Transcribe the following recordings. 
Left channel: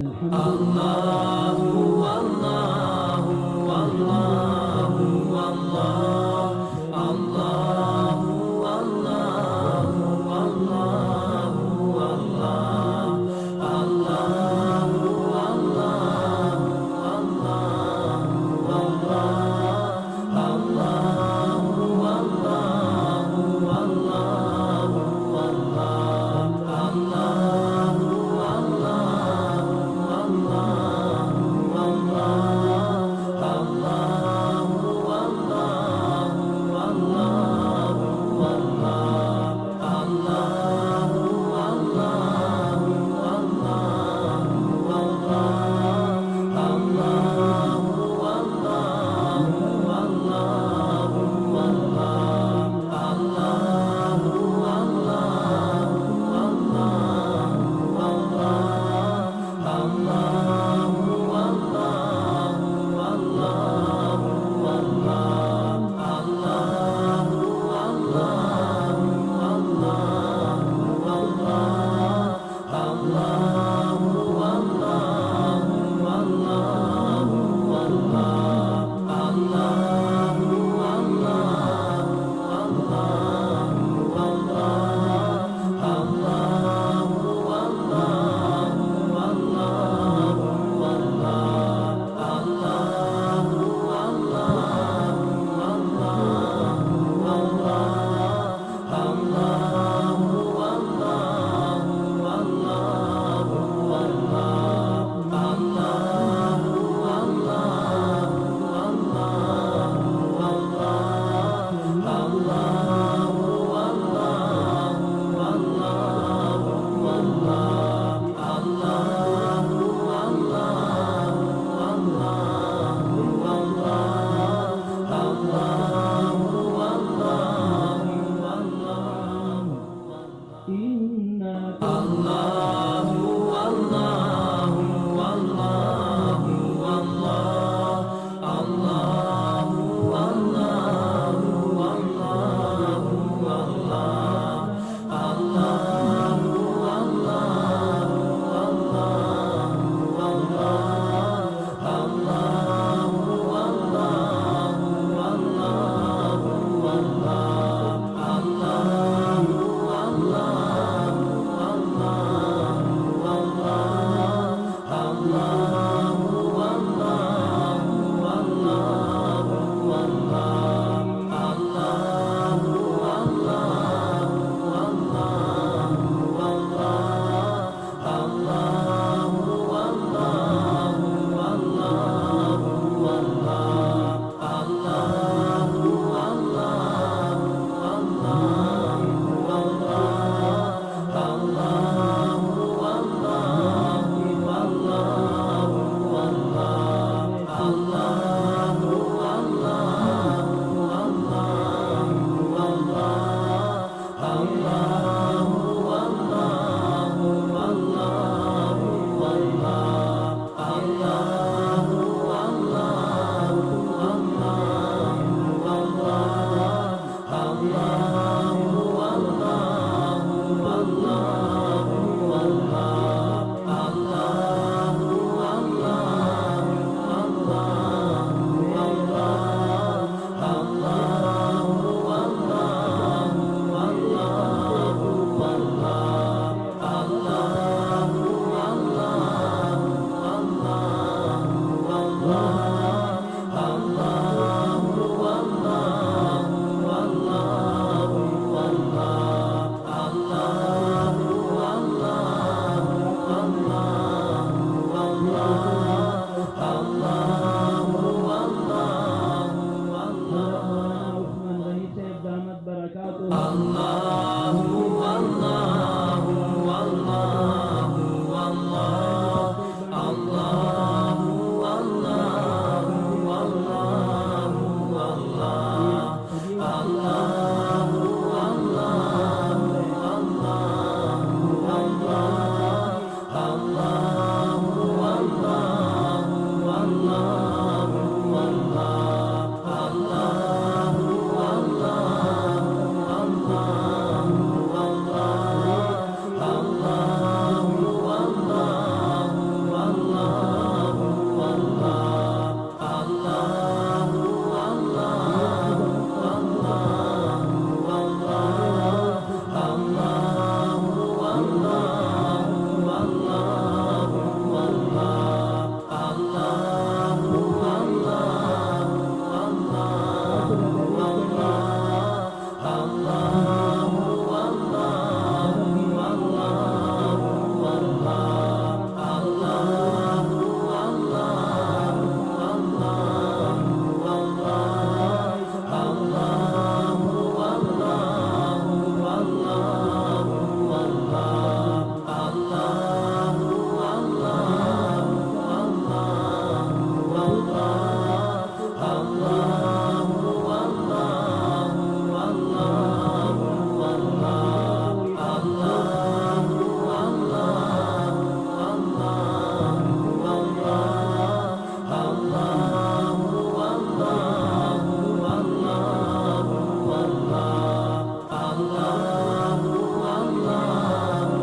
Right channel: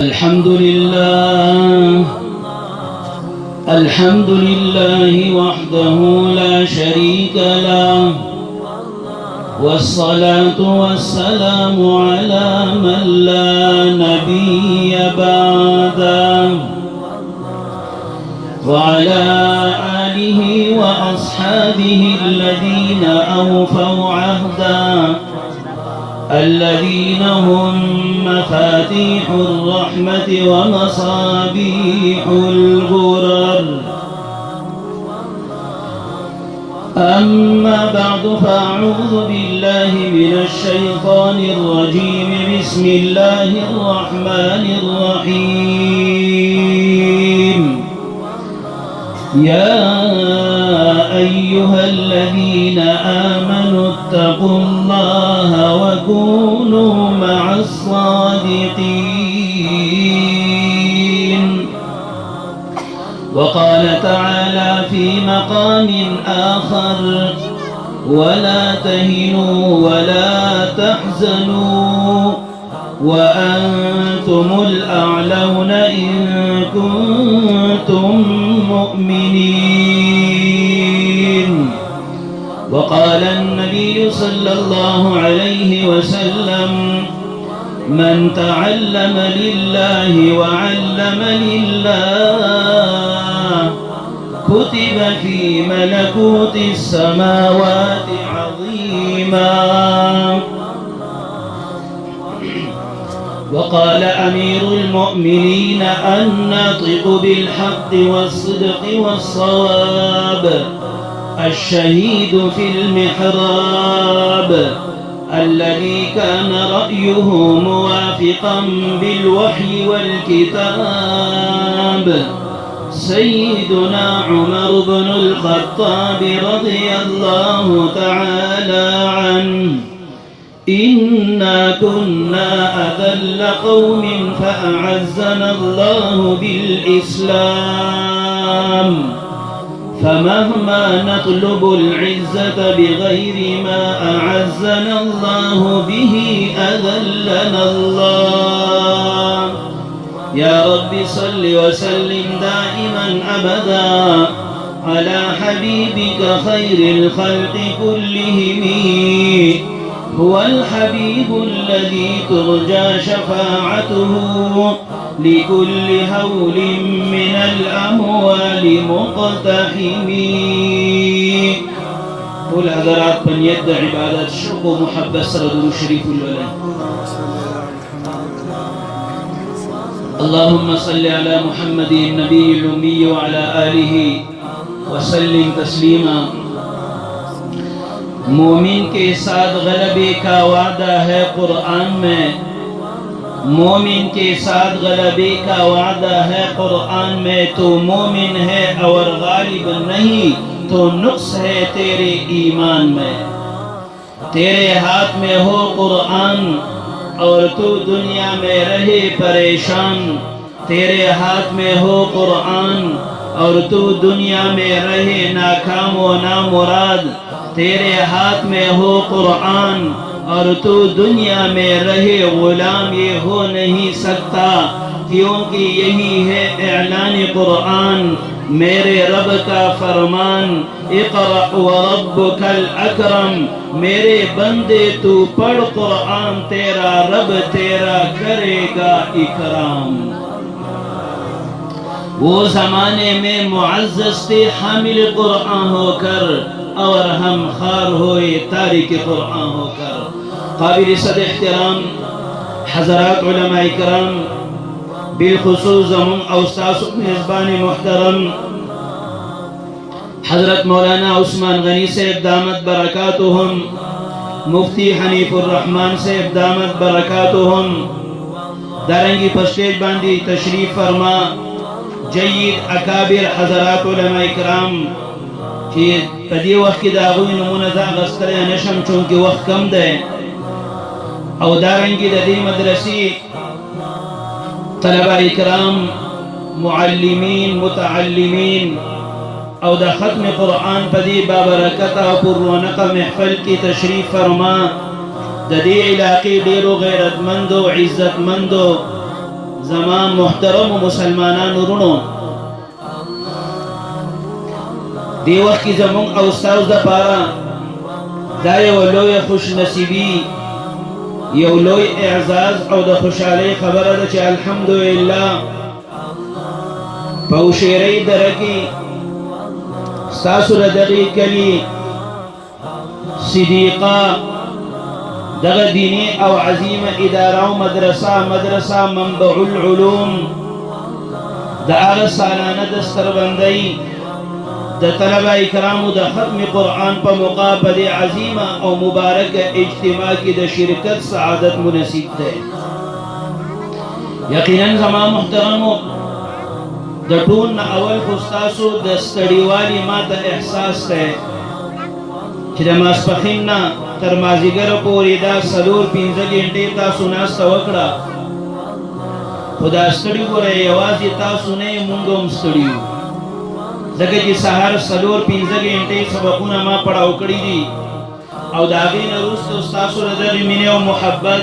الحمد لله وحده لا شريك له، والصلاة والسلام على من لا نبي بعده، وعلى آله وأصحابه الذين أوفوا عهدا، الذين هم مفاتيح الرحمة ومصابيح الغرر. أما بعد، فأعوذ بالله من الشيطان الرجيم. بسم الله الرحمن الرحيم. يا أيها الذين آمنوا اتقوا الله وكونوا مع الصادقين. وقال تعالى في مقام آخر: ولا تهنوا ولا تحزنوا وأنتم الأعلون إن كنتم مؤمنين. وقال النبي صلى الله عليه وسلم: من تعلم لله وعلم لله كتب في ملكوت السماوات عظيما. وقال أمير المؤمنين الناطق بالحق والصدق والصواب الشهيد في المحراب الذي كان رأيه موافقا بالوحي والكتاب سيدنا عمر بن الخطاب رضي الله تعالى عنه: إنا كنا أذل قوم فأعزنا الله بالإسلام، فمهما نطلب العزة بغير ما أعزنا الله به أذلنا الله. يا رب صل وسلم دائما أبدا على حبيبك خير الخلق كلهم. هو الحبيب الذي ترجى شفاعته لكل هول من الأموال مقتحم. والحضرات من يدعي عبادة الشرق ومحبة سرد شريف الولد. اللهم صل على محمد النبي الأمي وعلى آله وسلم تسليما. मोमिन के साथ गलबे का वादा है कुरान में, मोमिन के साथ गलबे का वादा है कुरान में। तो मोमिन है और गालिब नहीं तो नुक्स है तेरे ईमान में। तेरे हाथ में हो कुरान और तू दुनिया में रहे परेशान। तेरे हाथ में हो कुरान और तू दुनिया में रहे नाकाम व नामुराद। तेरे हाथ में हो कुरान और तू दुनिया में रहे गुलाम, ये हो नहीं सकता क्योंकि यही है ऐलान कुरान, मेरे रब का फरमान। इक़रा व रब्बुकल अकरम, मेरे बंदे तू पढ़ कुरान, तेरा रब तेरा करेगा इकराम। वो ज़माने में मुअज़्ज़ज़ थे हामिल कुरान होकर, और हम खार हुए तारिक कुरान होकर। काबिल सद एहतराम हज़रात उलमा इकराम, बिलखुसूस हम औस्ताद मेज़बान मुहतरम हज़रत मौलाना उस्मान गनी साहब दामत बरकातुहुम, मुफ्ती हनीफुर रहमान साहब दामत बरकातुहुम, दारंगी फस्टेज बांदी तशरीफ फरमा। जय्यद अकाबिर हज़रात उलमा इकराम कि पदी वक्त की दागुन नमूना गस्तर नशम चूंकि वक्त कम दे, और दारंगी ददी मदरसी तलबा इकराम मुअल्लिमीन मुतअल्लिमीन और दा खत्म कुरान पदी बाबरकत और पुरौनक महफल की तशरीफ फरमा। ददी इलाके डेरो गैरतमंदो इज्जतमंदो زمان محترم مسلمانان ورونو دی وخت کې زموږ او ستاسو د پاره دا یو لوی خوش نصیبی یو لوی اعزاز او د خوشحالۍ خبره ده چې الحمدلله په شیرې درکې ستاسو د دغې کلي صدیقه دغه دینی او عظیمه اداره او مدرسه منبع العلوم د هغه سالانه دستربندۍ د طلبه کرامو د ختم قرآن په موقع په دې عظیمه او مبارکه اجتماع کې د شرکت سعادت منصیب ده. یقینا زما محترمو د ټول نه اول خو ستاسو د ستړیوالي ما ته احساس ده چې د ماسپښین نه تر مازدیګره پورې دا 4-5 غنټې تاسو ناسته وکړه خو دا ستړي ګوره یوازې تاسو نه موږ هم ستړي یو ځکه چې سهار 4-5 غنټې سبقونه ما پړاو کړي دي او د هغې نه وروسته ستاسو د دغې مینې او محبت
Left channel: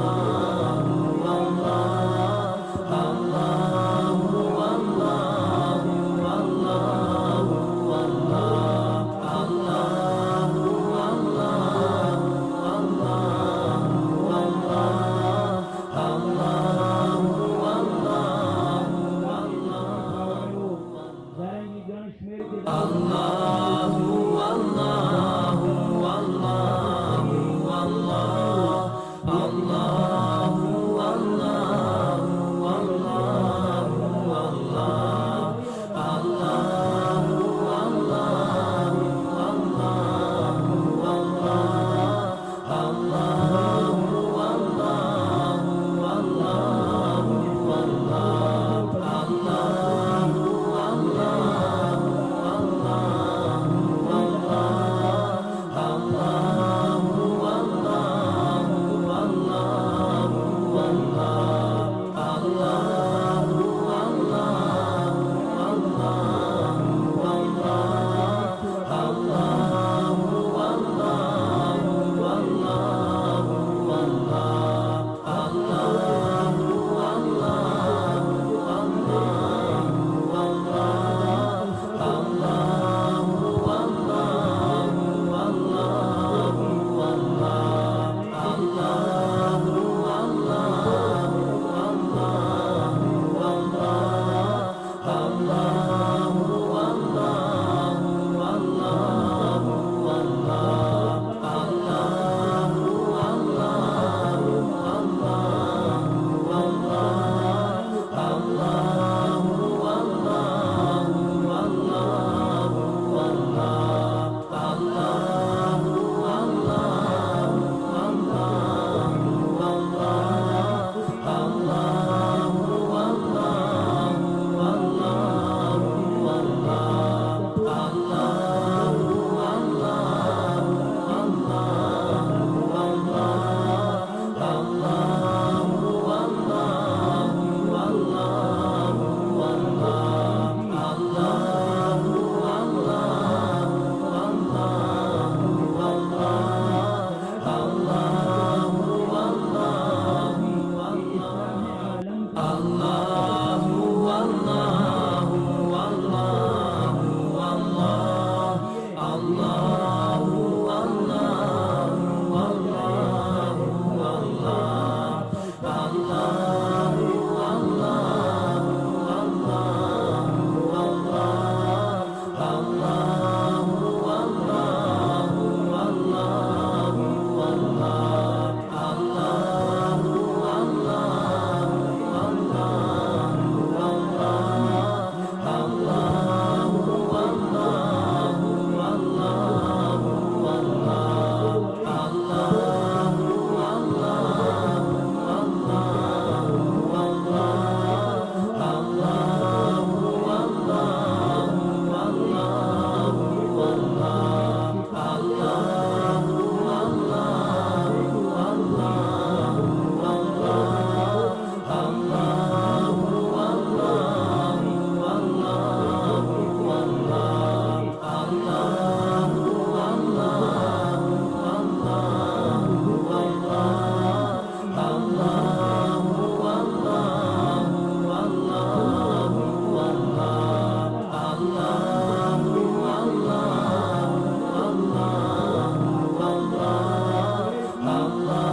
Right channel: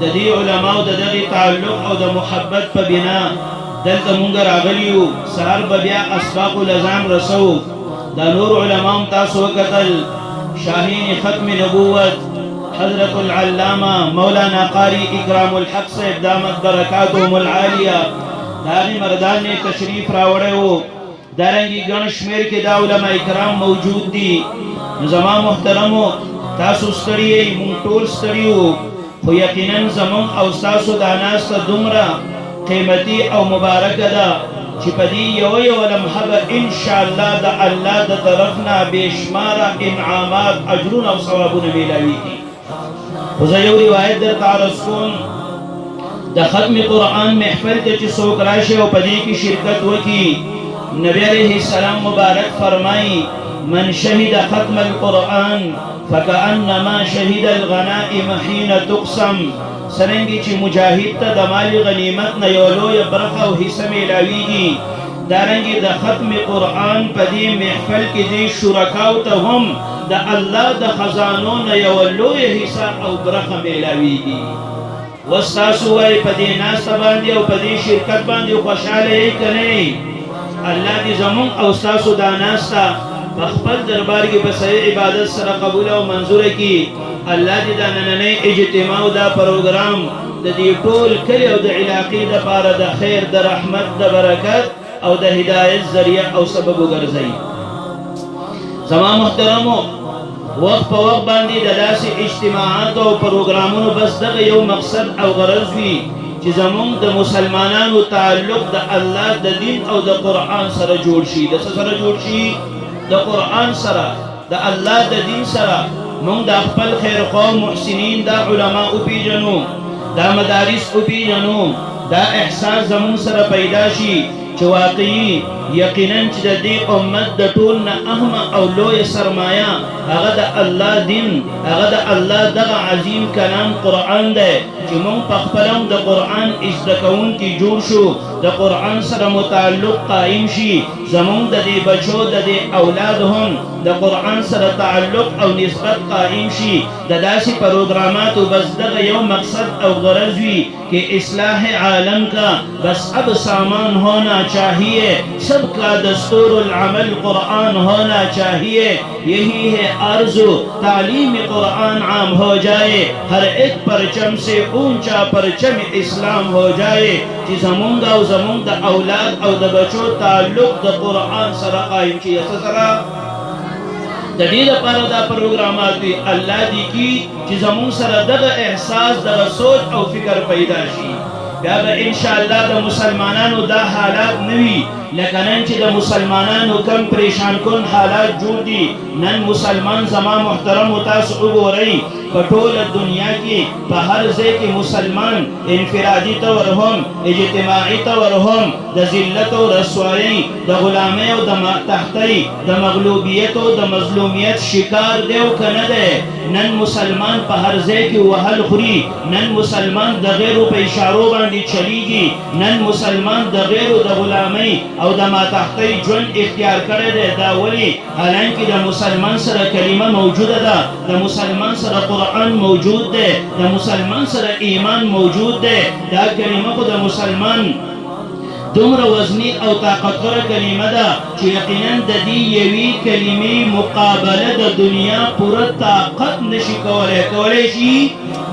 د دې علماو د دغې تعلق او د محبت په بنا دلته مونږ راغلي یو سهار به بیا اسباقو له ځان رسوو دا نور علماو تاسو وکتل شاهین ختم نبوت حضرت العلامه مولانا قاری اکرام الحق صاحب دامت برکاتهم العالیه هغې مردان نے تشریف راوړی و دارنګي ګڼ شمېر کې دا علما کرام موجود دي زما محترمو تاسو ستړي یې مونږ ټول ستړي یو خو یقینا زموږ او ستاسو دا ناسته دومره قیمتي او مبارکه ده چې په دې یو لمحه به انشاءالله د الله د طرف نه بېشماره انعامات اجرونه او ثوابونه میلاویږي خو زه یو روایت درته عرض کوم د ختم قرآن محفل ته چې څوک راشي او په دې کې شرکت وکړي نبی علیہ السلام مبارک فرمائی من شهد ختم القرآن فكأنما شهد الغنائم حين تقسم سرنگی چی مجاہد تا دمال غنیمت نا یولوی برقا و حصہ میلاویگی دارنگی دا ختم قرآن پا دی محفل کی دی شرکاو تا هم دا اللہ دا خزانون نا یولوی حصہ او برقا میلاویگی وستاسو وائی پا دی ناستا باندی او پا دی شرکت باندی و خوشحالے کنی اللہ دی زمون او ستاسو دا ناستا بخبت دربار کی بسای عبادت سره قبول او منظور کی اللہ دی دا نننی اجتماع دا پروگرام دا دی ټول کلی او دا علاقی دا پارا دا خیر دا رحمت دا برکت او دا ہدایت ذریعہ او سبب گرزئی زمان محترمو وقت پا وقت باندی دا داسی اجتماعات او پروگرامونو بس دا یو مقصد او غرض وی چې زمونږ د مسلمانانو تعلق د الله د دین او د قرآن سره جوړ شي د څه سره جوړ شي د قرآن سره د الله د دین سره مونږ د خپل خیر خوا محسنین دا علما وپېژنو دا مدارس وپېژنو دا احساس زمونږ سره پیدا شي چې واقعي یقینا چې د دې امت د ټول نه اهمه او لویه سرمایه هغه د الله دین هغه د الله دغه عظیم کلام قرآن دی چې مونږ په خپله هم د قرآن زده کوونکي جوړ شو د قرآن سره متعلق قائم شي زمونږ د دې بچو د دې اولاد هم د قرآن سره تعلق او نسبت قائم شي د داسې پروګراماتو بس دغه یو مقصد او غرض وي کہ اصلاح عالم کا بس اب سامان ہونا چاہیے سب کا دستور العمل قرآن ہونا چاہیے یہی ہے آرزو تعلیم قرآن عام ہو جائے ہر ایک پرچم سے اونچا پرچم اسلام ہو جائے کہ زمون دا اولاد او دا بچو تعلق دا قرآن سره قائم کی سره د دې لپاره دا پروګرامات دي الله دې کی چې زمون سره دغه احساس دغه سوچ او فکر پیدا شي بیا به انشاءالله د مسلمانانو دا حالات نوي لکه نن چې د مسلمانانو کم پریشان کن حالات جوړ دي نن مسلمان زما محترم تاسو وګورئ په ټوله دنیا کې په هر ځای کې مسلمان انفرادي طور هم اجتماعي طور هم د ذلت او رسوایۍ د غلامۍ او د تحتۍ د مغلوبیت او د مظلومیت شکار دی او که نه دی نن مسلمان په هر ځای کې وهل خوري نن مسلمان د غیرو په اشارو باندې چلیږي نن مسلمان د غیرو د غلامۍ او د ماتحتۍ ژوند اختیار کړی دی. دا ولې؟ حالانکې د مسلمان سره کلمه موجوده ده، د مسلمان سره قرآن موجود دی، د مسلمان سره ایمان موجود دی. دا کلمه خو د مسلمان دومره وزنی او طاقتوره کلمه ده چې یقینا د دې یوې کلمې مقابله د دنیا پوره طاقت نشي کولی. کولی شي؟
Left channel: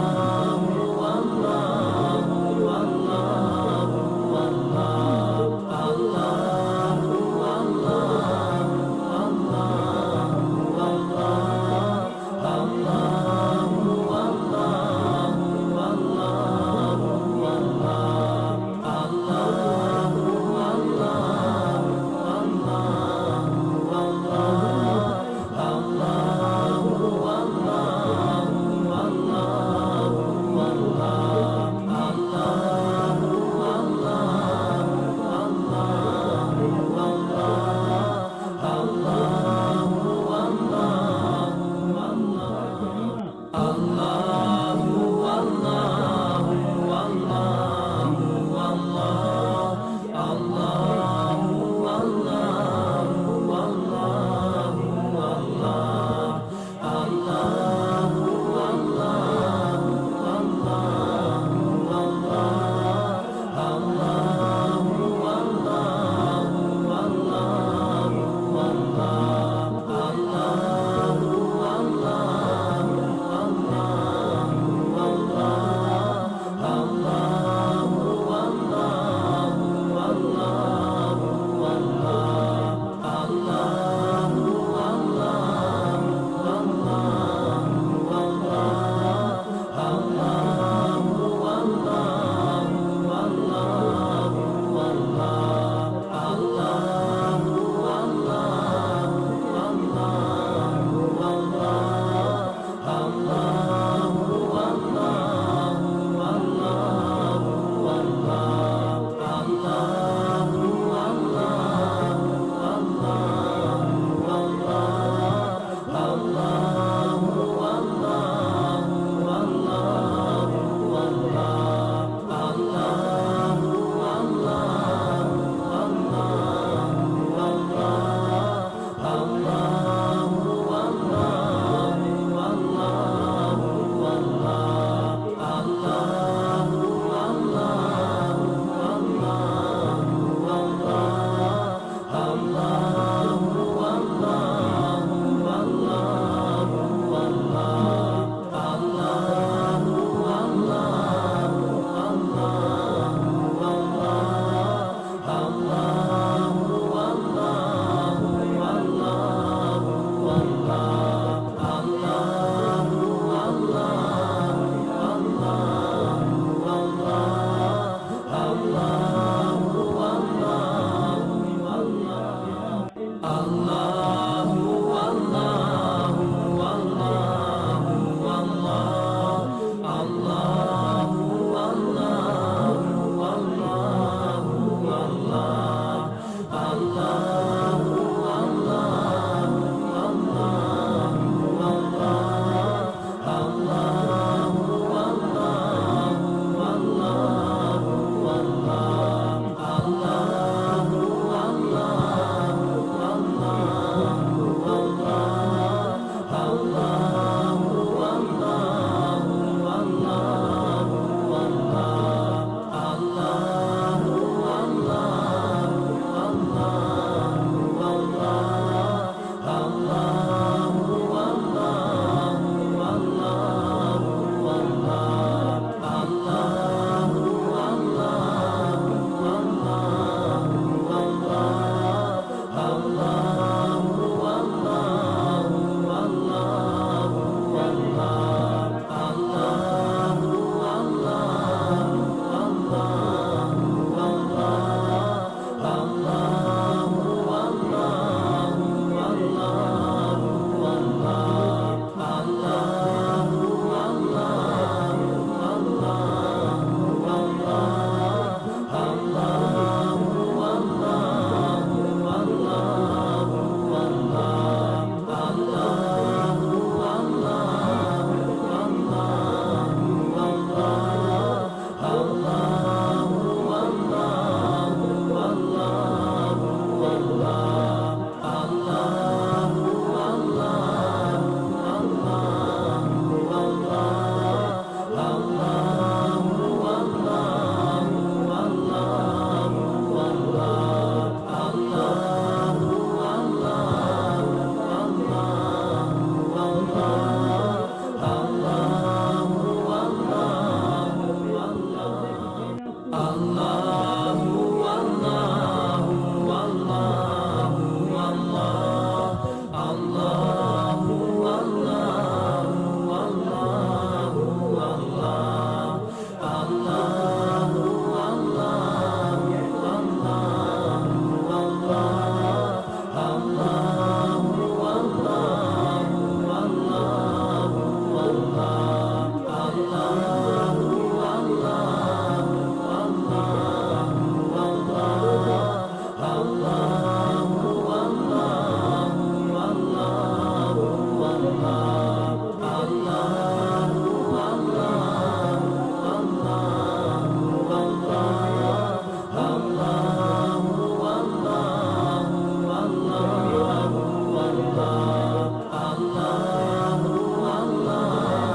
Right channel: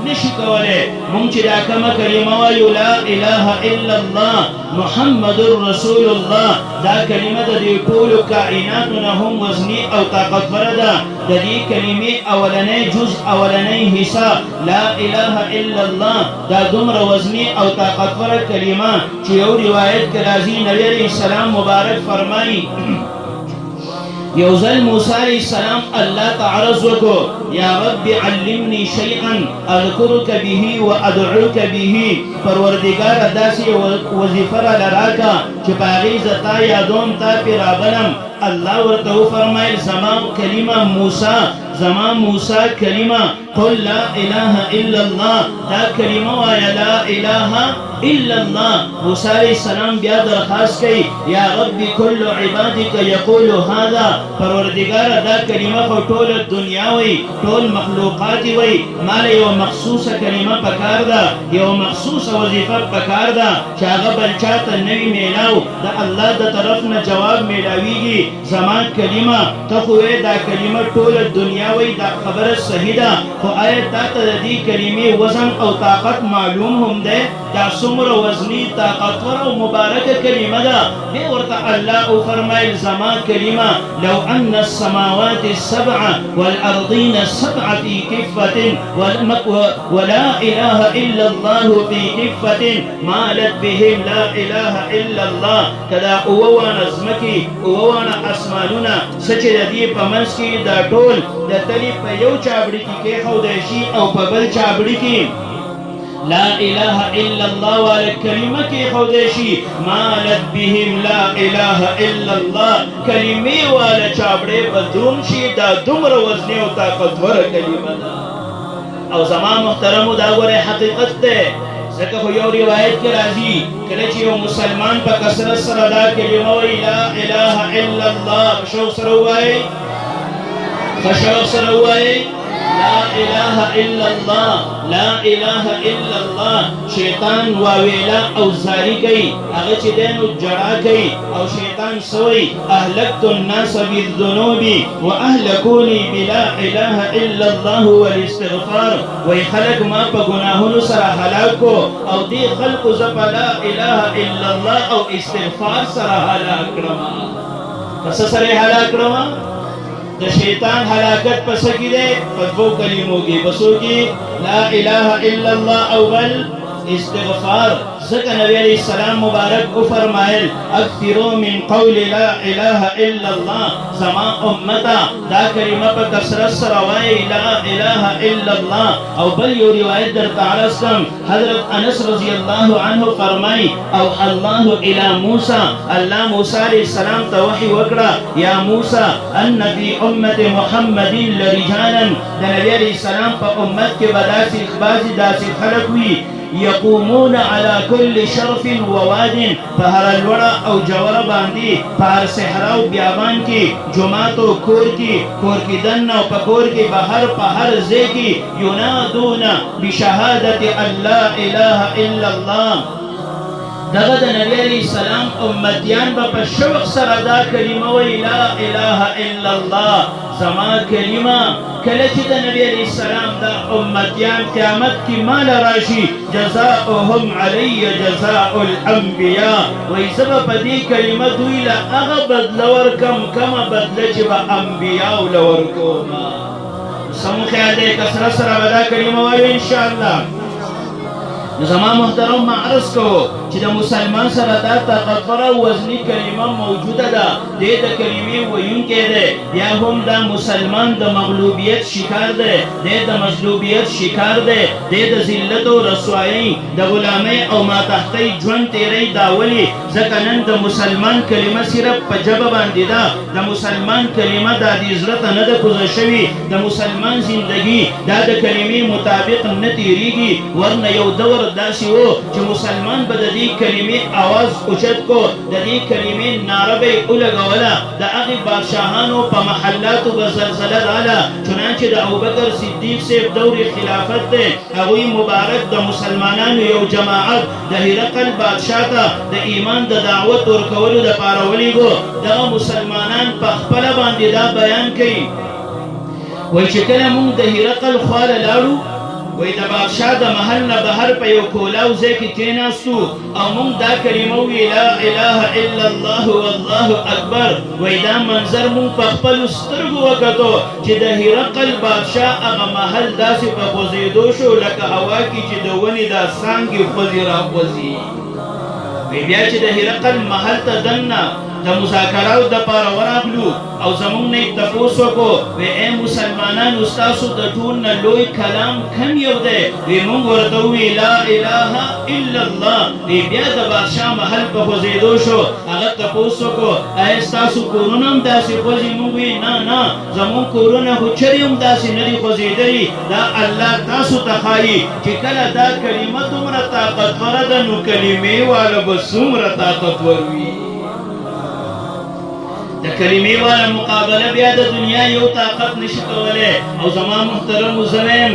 نشي کولی. مونږ چې دا کومه کلمه وایو لا اله الا الله محمد رسول الله، دا کلمه د دې ټولو کائناتو نه هم وزنی او طاقتوره ده. د دې کلمې اولنی جز اولنی حصہ لا اله الا الله دا دومره وزنی او طاقتوره کلمه چې یو روایت کې راځي نبی علیہ السلام مبارک فرمایي یو ځل موسی علیہ السلام الله ته عرض وکړو یا رب علمني شيئا اذكرك به وادعوك به. پروردگار داسې وظیفه راله راکړه چې په هغې زه تا یادوم، تا پرې رابلم. الله ورته وفرمایل زما کلمه موسی، زما موسی کلمه قل لا اله الا الله، دا کلمه وایه لا اله الا الله. موسی علیہ السلام بیا درخواست کوي یا رب کل عبادك يقول هذا، پروردگار دا کلمه خو ټول دنیا وي، ټول مخلوقات وي، مال یو مخصوصه کلمه پکار ده، یو مخصوصه وظیفه پکار ده چې هغه بل چاته نه وي میلاو، د الله د طرف نه جواب میلاویږي. زما کلمه ته خو دا کلمه ټول دنیا وي، دا خبره صحیح ده، خو آیا تا ته د دې کلمې وزن او طاقت معلوم هم دی؟ دا څومره وزني طاقتور او مبارکه کلمه ده. بیا ورته الله وفرمایل زما کلمه لو ان السماوات السبع والارضين السبع في كفه ولا اله الا الله في كفه مالت بهم لا اله الا الله. کدا اووانا زمکی اووانا اسمانونه سچ د دې په منځ کې دا ټول د تلي په یو چابړي کې کېښودی شي او په بل چابړي کې لا اله الا الله والا کلمه کېښودی شي مالت بهم لا اله الا الله، کلمې والا چابړې به دروند شي. دا دومره وزني او طاقتوره کلمه ده. او زما محترمو دا ګورئ حقیقت دی. ځکه خو یو روایت کې راځي کله چې یو مسلمان په کثرت سره دا کلمه وایي لا اله الا الله، شوق سره ووایي، شوق سره ووایي لا اله الا الله، لا اله الا الله. شیطان واویلا او زاری کوي، هغه چې دی نو جړا کوي او شیطان سوی اهلکت الناس بالذنوب واهلكوني بلا اله الا الله والاستغفار. وای خلق ما په ګناهونو سره هلاک کو او دې خلقو زه په لا اله الا الله او استغفار سره هلاک کړم. پس سره هلاک کړم. د شیطان هلاکت پس کې ده په دوه کلمو کې، پسو کې لا اله الا الله او بل استغفار. ځکه نبی علیہ السلام مبارک کو فرمایل اکثروا من قول لا اله الا الله، زما امتا دا کلمه په کثرت سره وایي لا اله الا الله. او بل یو روایت درته عرض کړم، حضرت انس رضی الله عنه فرمایي او الله الى موسی، الله موسی علیہ السلام ته وحی وکړه یا موسی ان فی امت محمد لرجالا، د نبی علیہ السلام په امت کې به داسې خلک وي يقومون على كل شرف وواد، فهر الورا او جوره باندې فهر صحرا او بیابان کې جماعت او کور کې دن او پکور کې بهر پهر ځای کې ينادون بشهادة ان لا اله الا الله. دغه د نبی علیہ السلام امتیان به په شوق سره دا کلمه وایي لا اله الا الله. زما کلمه کله چې د نبی علیہ السلام د امتیان قیامت کې مال راشي جزاؤهم علی جزاء الانبیاء، وایي زه به په دې کلمه دوی له هغه بدله ورکم کومه بدله چې به انبیاو له ورکوم. سم خیال دی کثرت سره به دا کلمه وایو انشاءالله. زما محترم ما عرض کو چې د مسلمان سره دا طاقتوره وزني کلمه موجوده ده، دې د کلمې ویونکی دی، یا هم دا مسلمان د مغلوبیت شکار دی، دې د مظلومیت شکار دی، دې د ذلت او رسوایۍ د غلامۍ او ماتحتۍ ژوند تېری. دا ولې؟ ځکه نن د مسلمان کلمه صرف په ژبه باندې ده، د مسلمان کلمه دا د زړه ته نه ده کوزه شوې، د مسلمان زندګي دا د کلمې مطابق نه تېرېږي. ورنه یو دور داسې و چې مسلمان به د دې دې کلمې आवाज اوچت کو د دې کلمې ناره به ولګوله د هغې بادشاهانو په محلاتو به زلزله راله چنانچه د ابوبکر صدیق صاحب دور خلافت دی هغوی مبارک د مسلمانانو یو جماعت د هرقل بادشاه ته د ایمان د دعوت ورکولو دپاره ولیږو دغه مسلمانان په خپله باندې دا بیان کوي وایي چې کله موږ د هرقل خواله لاړو وی د بادشاه د محل نه بهر په یو کولاو ځای کې کېناستو او موږ دا کلمه وویل لا اله الا الله والله اکبر وی دا منظر موږ په خپلو سترګو وکتو چې د هرقل بادشاه هغه محل داسې په خوځېدو شو لکه هوا کې چې د ونې دا څانګې خوځي راخوځي وی بیا چې د هرقل محل ته دننه د مذاکراتو دپاره ورغلو او زموږ نه یې تپوس وکړو وی ای مسلمانانو ستاسو د ټول نه لوی کلام کوم یو دی وی موږ ورته وویل لا اله الا الله وی بیا د بادشاه محل په خوځېدو شو هغه تپوس وکړو ایا ستاسو کورونه هم داسې خوځي موږ وویل نه نه زموږ کورونه خو چرې هم داسې نه دي خوځېدلي دا الله تاسو ته ښایي چې کله دا کلمه دومره طاقتوره ده نو کلمې والا به څومره طاقتور وي د کلمې والا مقابله بیا د دنیا یو طاقت نشي کولی او زما محترمو زه وایم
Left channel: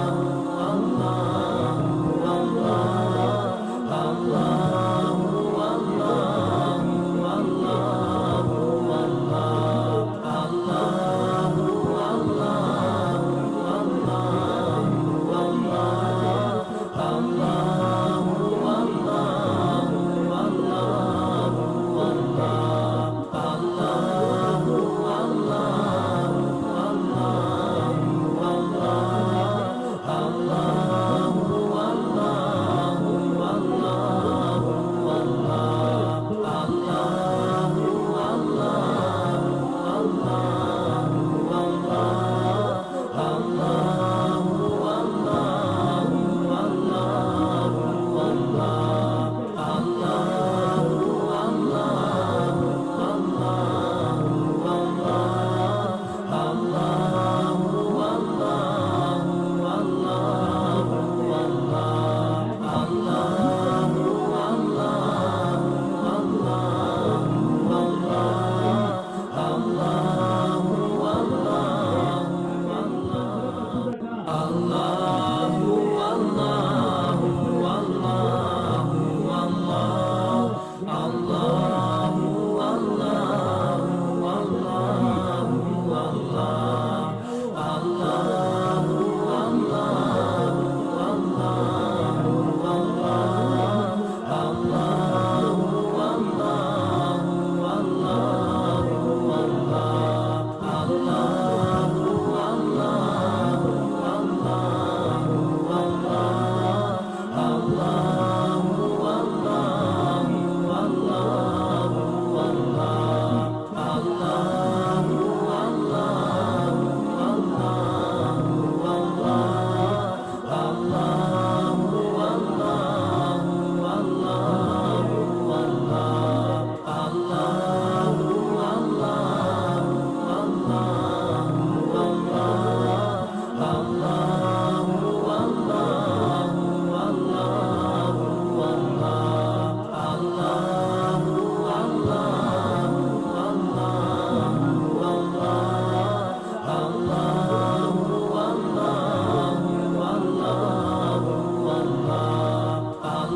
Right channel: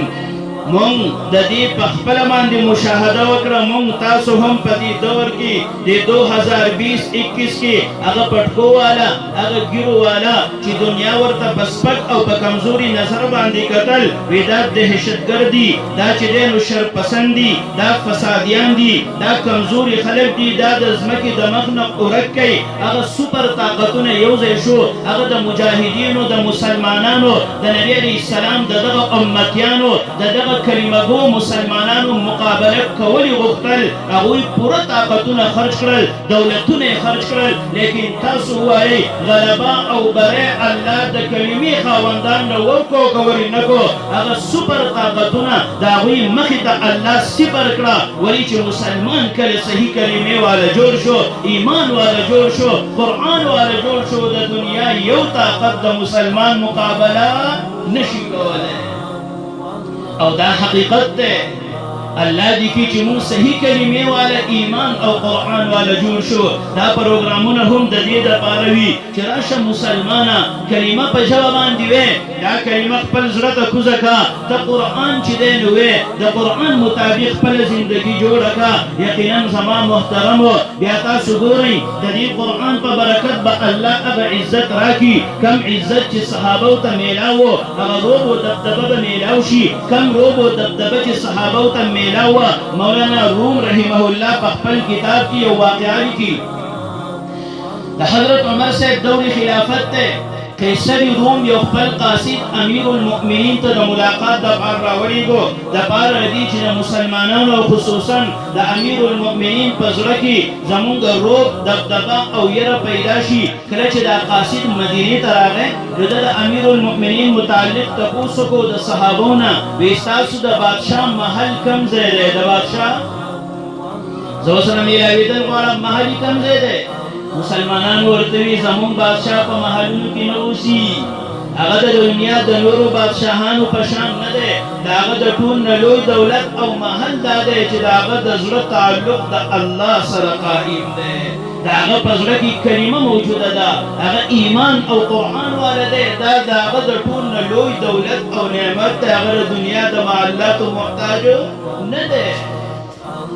مونږ د دې په خپله باندې مشاهده وکړه مونږ تاسو هم په دې دور کې د 2020-21 کې هغه پټکو والا هغه ګیرو والا چې دنیا ورته په سپک او په کمزوري نظر باندې کتل وی دا دهشتګردي دا چې دی نو شرپسند دي دا فسادیان دي دا کمزوري خلک دي دا د ځمکې د مخ نه ورک کوي هغه سوپر طاقتونه یو ځای شو هغه د مجاهدینو د مسلمانانو د نبي علیه السلام د دغه امتیانو د دغه کلمه گو مسلمانانو مقابله کولی غوښتل هغوی پوره طاقتونه خرج کړل دولتونه یې خرج کړل لیکن تاسو ووایئ غلبه او بری الله د کلمې خاوندان نه ورکړو که ولې نه کړو هغه سوپر طاقتونه د هغوی مخې ته الله صفر کړه ولې چې مسلمان کله صحیح کلمې والا جوړ شو ایمان والا جوړ شو قرآن والا جوړ شو د دنیا یو طاقت د مسلمان مقابله نشي کولی او دا حقیقت ده الله دې کې چې موږ صحیح کلمې والا ایمان او قرآن والا جوړ شو دا پروګرامونه هم د دې دپاره وي چې راشه مسلمانه کلمه په ژبه باندې وې دا کلمه خپل زړه ته کوزه کړه ته قرآن چې دی نو وې د قرآن مطابق خپله زندګي جوړه کړه یقینا زما محترمو بیا تاسو ګورئ د دې قرآن په برکت به الله هغه عزت راکړي کم عزت چې صحابو ته میلاو و هغه روب و دبدبه به میلاو شي کم روب و دبدبه چې صحابو ته میلاوه مولانا روم رحمه الله په خپل کتاب کې یو واقعه لیکي د حضرت عمر صاحب دور خلافت دی قیصر روم یو خپل قاصد امیر المؤمنین ته د ملاقات دپاره راولیږو دپاره دي چې د مسلمانانو او خصوصا د امیر المؤمنین په زړه کې زمونږ روب دبدبه او یره پیدا شي کله چې دا قاصد مدینې ته راغی نو د امیر المؤمنین متعلق تپوس وکړو د صحابو نه وایي ستاسو د بادشاه محل کوم ځای دی د بادشاه زه ورسره میلاوېدل غواړم محل یې کوم ځای دی مسلمانان ورته وي زموږ بادشاه په محلونو کې نه اوسي هغه د دنیا د نورو بادشاهانو په شان نه دی د هغه د ټول نه لوی دولت او محل دا دی چې د هغه د زړه تعلق د الله سره قائم دی د هغه په زړه کې کلمه موجوده ده هغه ایمان او قرآن والا دی دا د هغه د ټول نه لوی دولت او نعمت د هغه د دنیا د معلاتو محتاج نه دی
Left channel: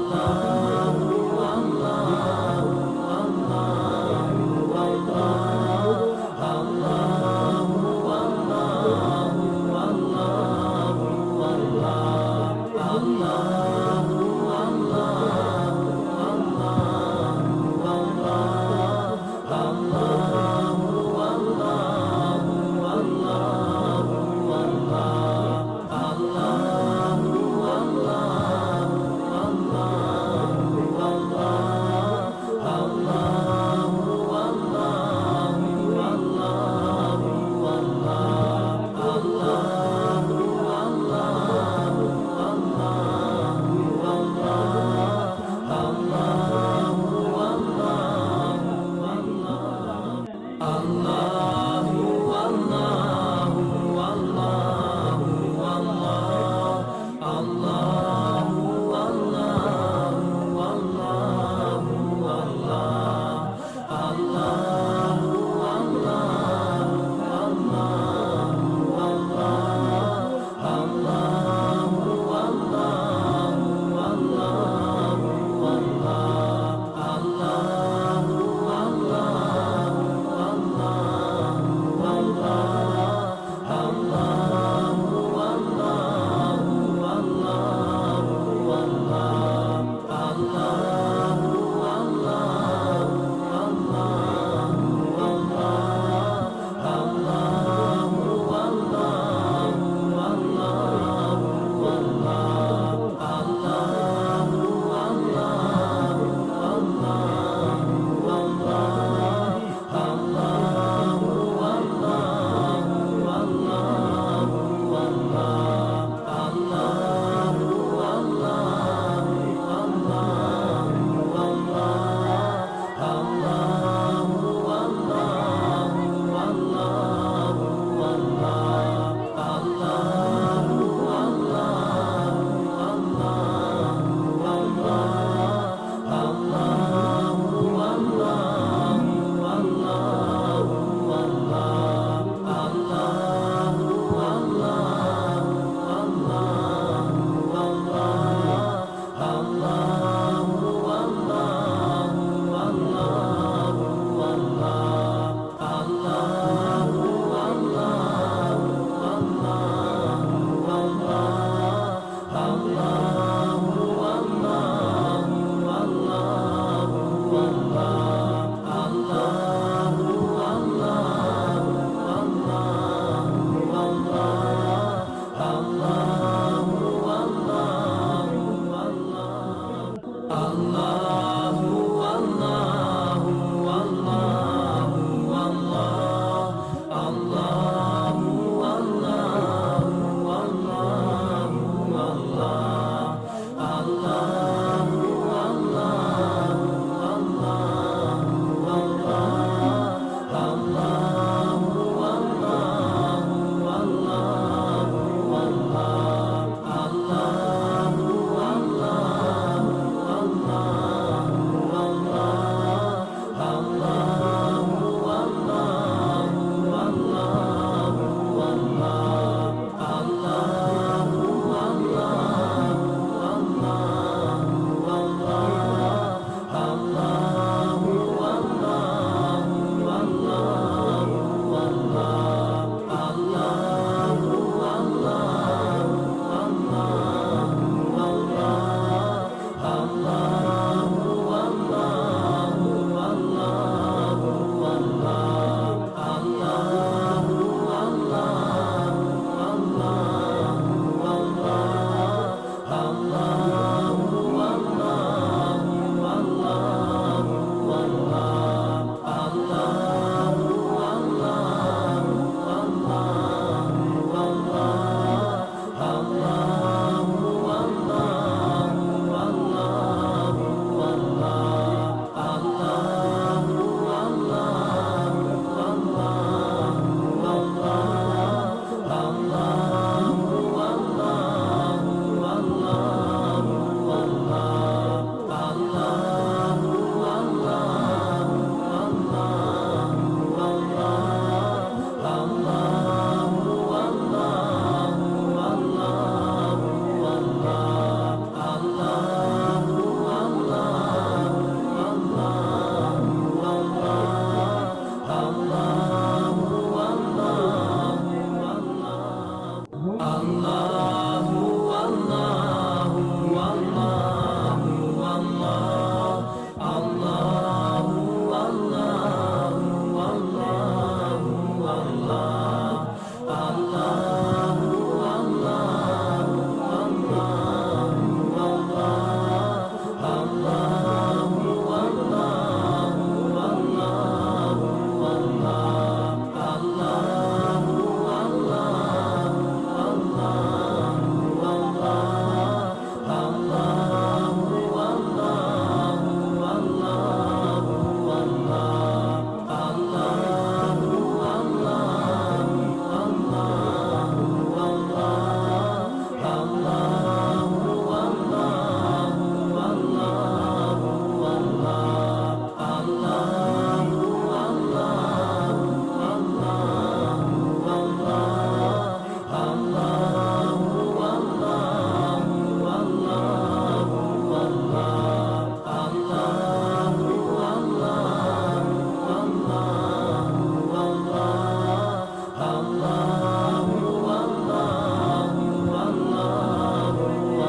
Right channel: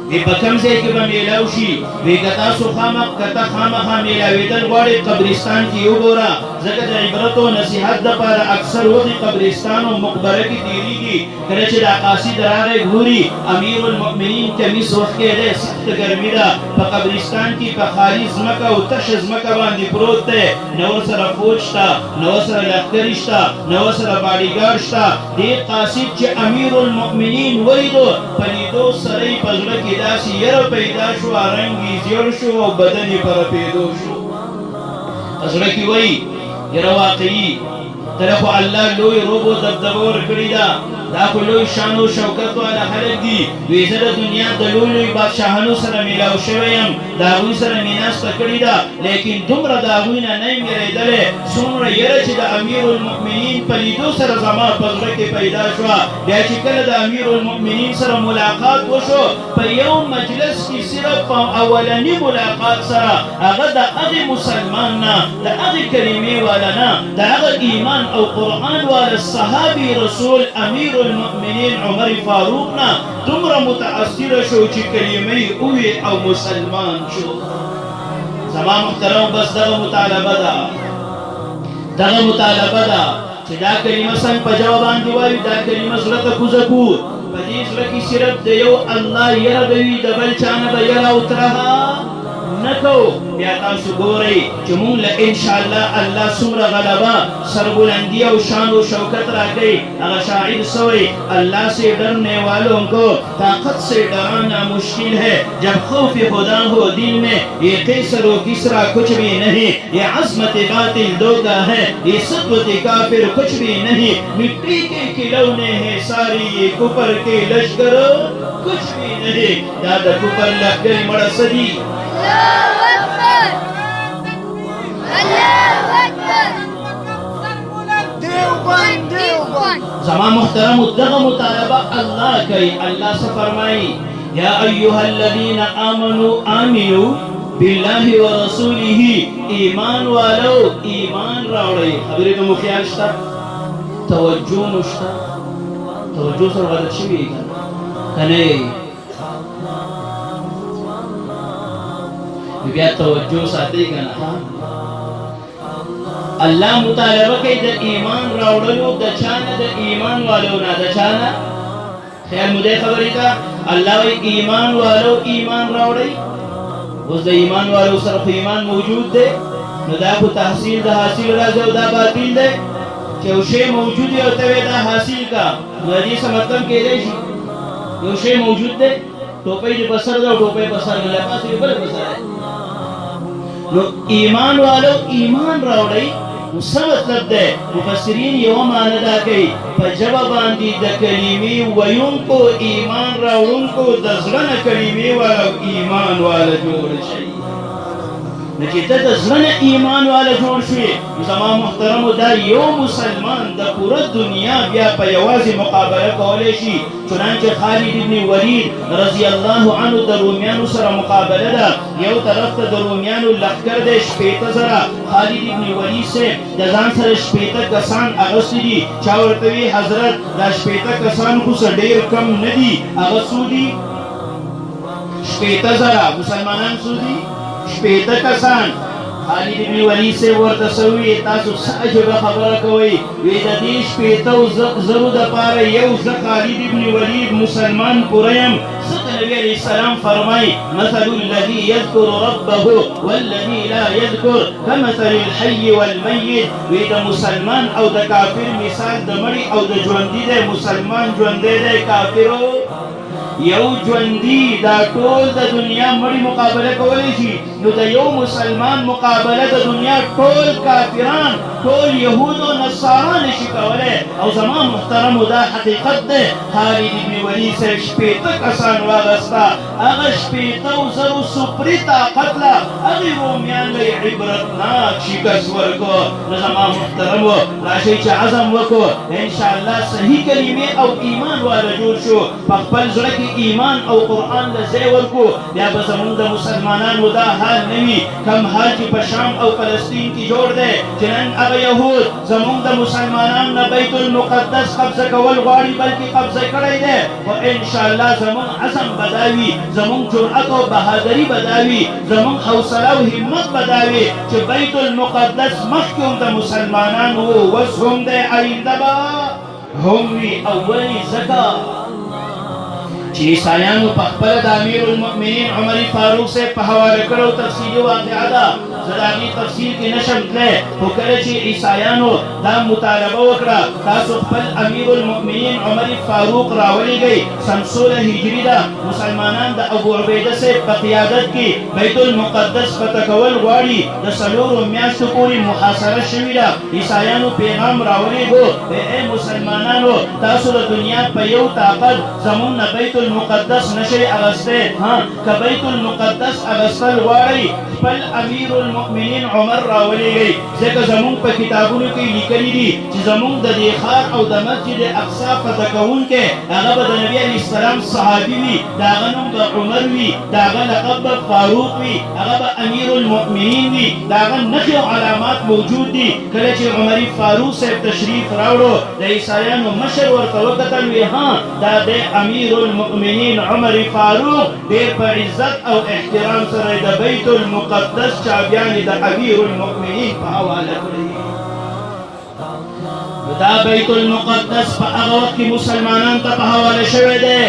وی په کوم ځای کې به میلاو شي وی که تاسو خامخا میلاوېدل غواړئ قبرستان کې وګوره ځکه د عبرت او نصیحت دپاره اکثر وخت قبرستان او مقبره کې تېرېږي کله چې دا قاصد راغی ګوري امیر المؤمنین کمیس وخت کې دی سخته ګرمي ده په قبرستان کې په خالي ځمکه او تشه ځمکه باندې پروت دی نه ورسره فوج شته نه ورسره لښکرې شته نه ورسره باډیګارډ شته دې قاصد چې امیر المؤمنین ولیدو په لیدو سره یې په زړه کې داسې یره پیدا شوه رنګ یې زیړ شو او بدن یې په رپېدو شو په زړه کې وایي یره واقعي ته خو الله لوی روب و دبدبه ورکړې ده دا خو لوی شان و شوکت والا خلک دي وایي زه د دنیا د لوی لوی بادشاهانو سره میلاو شوی یم د هغوی سره مې ناسته کړې ده لیکن دومره د هغوی نه نه یم یېرېدلی څومره یره چې د امیر المؤمنین په لیدو سره زما په زړه کې پیدا شوه بیا چې کله د امیر المؤمنین سره ملاقات وشو په یو مجلس کې صرف په اولني ملاقات سره هغه د هغې مسلمان نه د هغې کلمې والا نه د هغه ایمان او قرآن والا صحابي رسول امیر المؤمنین عمر فاروق نه دومره متاثره شو چې کلمې ووې او مسلمان شو زما محترم بس دغه مطالبه ده چې دا کلمه څنګه په جواب باندې وایو دا کلمه زړه ته کوزه کړو په دې زړه کې صرف د یو الله یره به وي د بل چا نه به یره او ترهه نه کوو بیا تاسو ګورئ چې مونږ له انشاءالله الله څومره غلبه سربلندي او شان و شوکت راکوي هغه شاعر سوئ اللہ سے ڈرنے والوں کو طاقت سے ڈرانا مشکل ہے جب خوف خدا ہو دل میں یہ قیصر و کسرا کچھ بھی نہیں یہ عظمت باطل دھوکہ ہے یہ سطوت کافر کچھ بھی نہیں مٹی کے کھلونے ہیں ساری یہ کفر کے لشکر کچھ بھی نہیں یاد کفر لشکر بڑا صدی زمان محترم دغه مطالبه الله کوي الله څه فرمایي یا ایها الذین آمنوا آمنوا بالله ورسوله ایمان والو ایمان راوړئ خبرې ته مو خیال شته توجه مو شته توجه سره غلط شوي کنه بیا توجه ساتئ کنه الله مطالبه کوي د ایمان راوړلو د چانه د ایمان والو نه د چانه خیر مو دې خبرې ته الله وایي ایمان والو ایمان راوړئ اوس د ایمان والو سره خو ایمان موجود دی نو دا خو تحصیل د حاصل راځي او دا باطل دی چې یو شی موجود دی او ته یې دا حاصل کا نو د دې څه مطلب کېدی شي یو شی موجود دی ټوپۍ دې په سر ده او ټوپۍ په سر نه ده بل په سر نو ایمان والو ایمان راوړئ څه مطلب دی مفسرین یوه معنی دا کوي په ژبه باندې د کلمې ویونکو ایمان راوړونکو د زړه نه کلمې والا ایمان والا جوړ شي چې ته د زړه نه ایمان والا جوړ شوې زما محترمو دا یو مسلمان د پوره دنیا بیا په یوازې مقابله کولی شي چنانچه خالد بن ولید رضی الله عنه د رومیانو سره مقابله ده یو طرف ته د رومیانو لښکر دی 80,000 خالد بن ولید صاحب د ځان سره 80 کسان اغوستي دي چا ورته وي حضرت دا 80 کسان خو څه ډېر کم نه دي هغه څو دي 80,000 مسلمانان څو دي 80 کسان خالد بن ولید صاحب ورته څه وویل تاسو څه عجیبه خبره کوئ وایي د دې 80 زرو دپاره یو زه خالد بن ولید مسلمان پوره یم ځکه نبي علیه السلام فرمایي مثل الذي يذكر ربه والذي لا يذكر كمثل الحي والمیت وایي د مسلمان او د کافر مثال د مړي او د ژوندي دی مسلمان ژوندی دی کافرو یو ژوندي دا ټول د دنیا مړي مقابله کولی شي نو د یو مسلمان مقابله د دنیا ټول کافران ټول یهود و نصارا نشي کولی او زما محترمو دا حقیقت دی خالد بن ولید صاحب 80 کسان واغسته هغه 80,000 سپري طاقت له هغې رومیان له یې عبرتناک شکست ورکړو نو زما محترمو راشئ چې عزم وکړو انشاءالله صحیح کلمې او ایمان والا جوړ شو په خپل زړه کې ایمان او قرآن له ځای ورکړو بیا به زمونږ د مسلمانانو دا حال نه وي کم حال چې په شام او فلسطین کې جوړ دی چې نن هغه یهود زمونږ د مسلمانانو نه بیت المقدس قبضه کول غواړي بلکې قبضه کړی دی خو انشاءالله زمونږ عزم به دا وي زمونږ جرأت او بهادري به دا وي زمونږ حوصله او همت به دا وي چې بیت المقدس مخکې هم د مسلمانانو اوس هم دی آینده به هم وي اولي ځکه چې عیسایانو په خپله د امیر المؤمنین عمر فاروق صاحب په حواله کړو تفصیلي واقعه ده زه د هغې تفصیل کې نشم تللی خو کله چې عیسایانو دا مطالبه وکړه تاسو خپل امیر المؤمنین عمر فاروق راولېږئ سن 16 هجري ده مسلمانان د ابو عبیده صاحب په قیادت کې بیت المقدس فتح کول غواړي د 4 میاشتو پورې محاصره شوې ده عیسایانو پیغام راولېږو ای مسلمانانو تاسو د دنیا په یو طاقت زمونږ نه بیت المقدس نشي اغسطه ها که بیت المقدس اغسطل غواړي خپل امیر المؤمنین عمر راولېږئ ځکه زمونږ په کتابونو کې لیکلي دي چې زمونږ د دې ښار او د مسجد اقصا فتح کوونکی هغه به د نبي علیه السلام صحابي وي د هغه نوم به عمر وي د هغه لقب به فاروق وي هغه به امیر المؤمنین وي د هغه نښې او علامات موجود دي کله چې عمري فاروق صاحب تشریف راوړو د عیسایانو مشر ورته وکتل وی ها دا د امیر المؤمنین عمر فاروق ډېر په عزت او احترام سره د بیت المقدس چابیانې د امیر المؤمنین په حواله کړي دا بیت المقدس په هغه وخت کې مسلمانانو ته په حواله شوی دی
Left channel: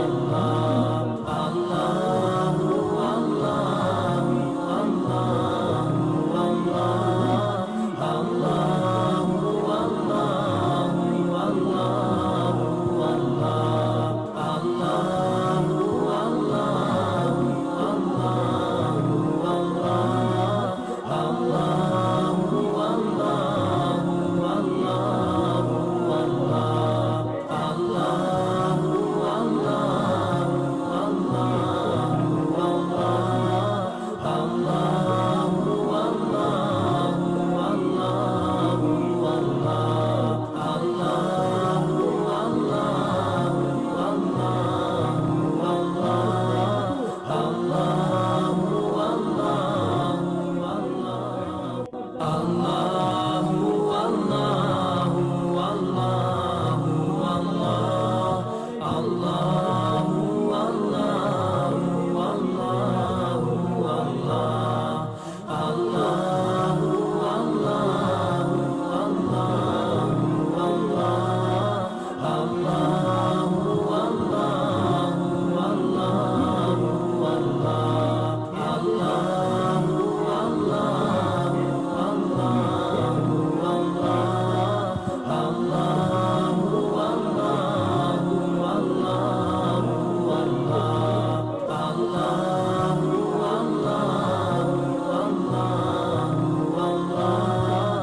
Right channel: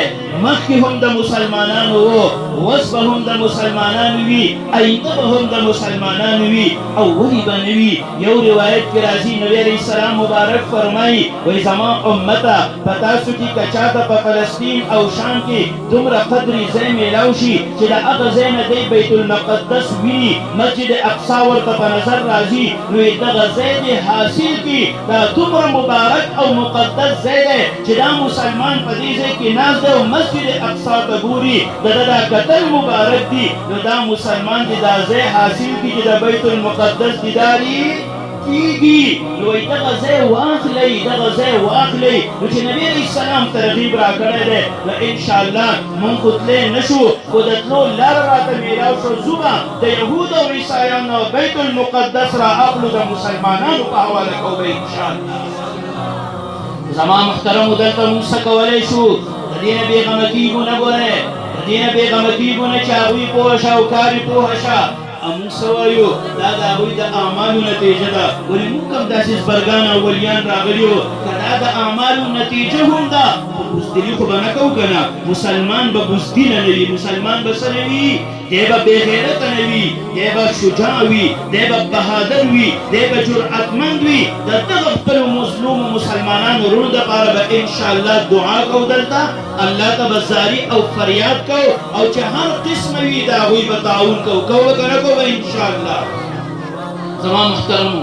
مخکې هم د مسلمانانو و اوس به هم د مسلمانانو وي آینده به هم د مسلمانانو وي او ولې به نه وي یو روایت کې راځي نبي علیه السلام مبارک فرمایي وایي زما امته په تاسو کې که چاته په فلسطین او شام کې دومره قدرې ځای میلاو شي چې د هغه ځای نه دی بیت المقدس ویني مسجد اقصا ورته په نظر راځي نو یې دغه ځای دې حاصل کړي دا دومره مبارک او مقدس ځای دی چې دا مسلمان په دې ځای کې ناست دی او مسجد اقصا ته ګوري د ده دا کتل مبارک دي نو دا مسلمان چې دا ځای حاصل کړي چې د بیت المقدس دیدار یې کېږي نو وایي دغه ځای واخلئ دغه ځای واخلئ نو چې نبي علیه السلام ترغیب راکړی دی نو انشاءالله مونږ خو تللی نه شو خو د تلو لاره راته میلاو شو ځو به د یهودو او عیسایانو بیت المقدس را اخلو د مسلمانانو په حواله کوو به انشاءالله زما محترمو دلته موږ څه کولی شو د دې نه بېغمه کېږو نه ګورئ د دې نه بېغمه کېږو نه چې هغوی پوه شه او کار یې پوه شه موږ څه وایو دا د هغوی د اعمالو نتیجه ده ولې موږ هم داسې زبرګان او ولیان راغلي وو که دا د اعمالو نتیجه هم ده بزدلي خو به نه کوو که نه مسلمان به بزدله نه وي مسلمان به څه نه وي دی به بېغیرته نه وي دی به شجاع وي دی به بهادر وي دی به جرأتمند وي د دغه خپلو مظلومو مسلمانانو ورونو دپاره به انشاءالله دعا کوو دلته الله ته به زاري او فریاد کوو او چې هر قسمه وي د هغوی به تعاون کوو کوو که نه کوو به انشاءالله زما محترمو